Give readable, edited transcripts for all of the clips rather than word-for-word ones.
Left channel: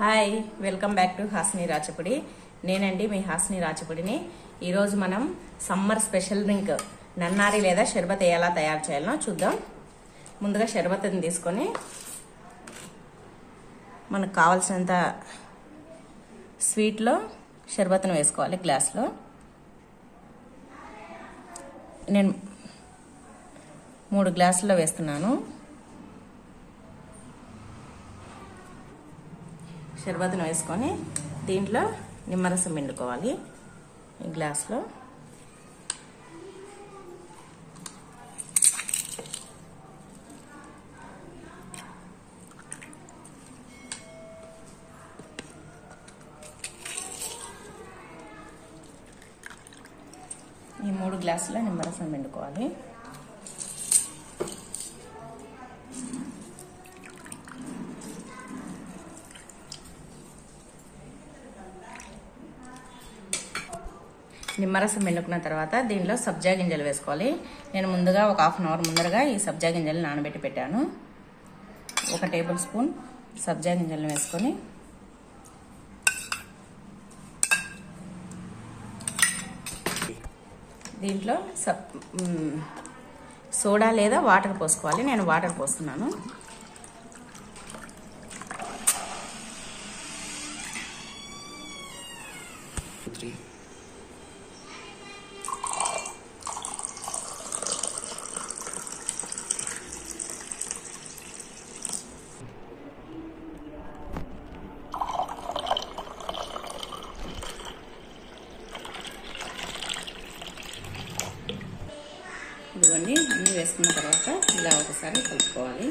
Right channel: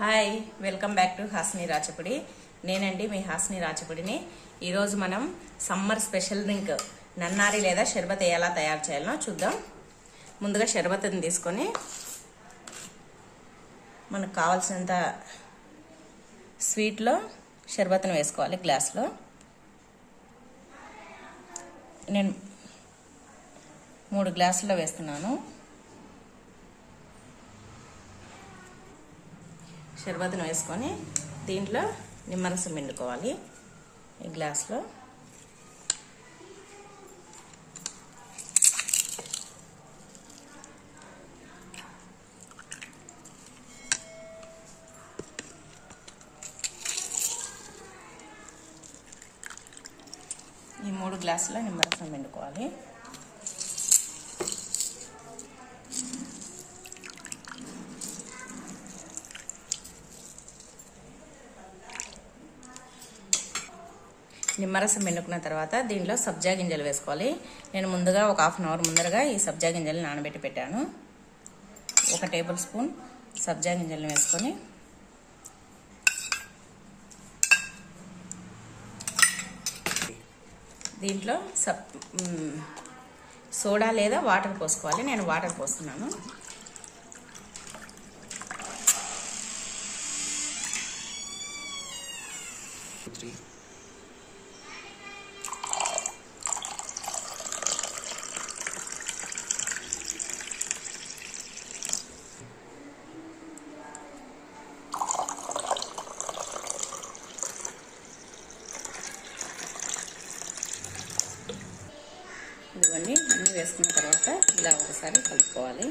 Hi welcome back to Hasni Rachapudi. నేనండి మీ హాస్ని రాచపుడిని. ఈరోజు మనం సమ్మర్ స్పెషల్ డ్రింక్ నన్నారి లేదా షర్బత్ ఎలా తయారు చేయాలో చూద్దాం. ముందుగా షర్బత్ని తీసుకొని మనకు కావాల్సినంత స్వీట్లో షర్బత్ను వేసుకోవాలి. గ్లాస్లో నేను 3 గ్లాసుల్లో వేస్తున్నాను. షర్బత్ను వేసుకొని దీంట్లో నిమ్మరసం పిండుకోవాలి. ఈ గ్లాస్లో ఈ 3 గ్లాసుల నిమ్మరసం పిండుకోవాలి. నిమ్మరసం పిండుకున్న తర్వాత దీంట్లో సబ్జా గింజలు వేసుకోవాలి. నేను ముందుగా ఒక హాఫ్ అన్ అవర్ ముందరగా ఈ సబ్జా గింజలు నానబెట్టి పెట్టాను. 1 టేబుల్ స్పూన్ సబ్జా గింజలను వేసుకొని దీంట్లో సోడా లేదా వాటర్ పోసుకోవాలి. నేను వాటర్ పోస్తున్నాను. ఇదిగోండి, అన్నీ వేసుకున్న తర్వాత ఇలా ఒకసారి కలుపుకోవాలి.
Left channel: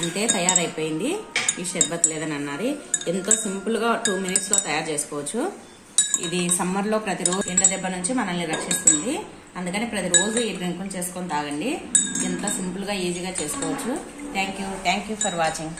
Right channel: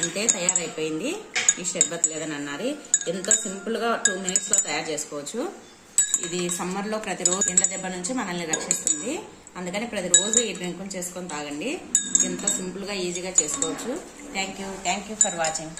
అంటే తయారైపోయింది ఈ షర్బత్ లేదా నన్నారి. ఎంతో సింపుల్గా 2 మినిట్స్లో తయారు చేసుకోవచ్చు. ఇది సమ్మర్లో ప్రతిరోజు ఎండ దెబ్బ నుంచి మనల్ని రక్షిస్తుంది. అందుకని ప్రతిరోజు ఈ డ్రింక్ చేసుకొని తాగండి. ఎంత సింపుల్గా ఈజీగా చేసుకోవచ్చు. Thank you for watching.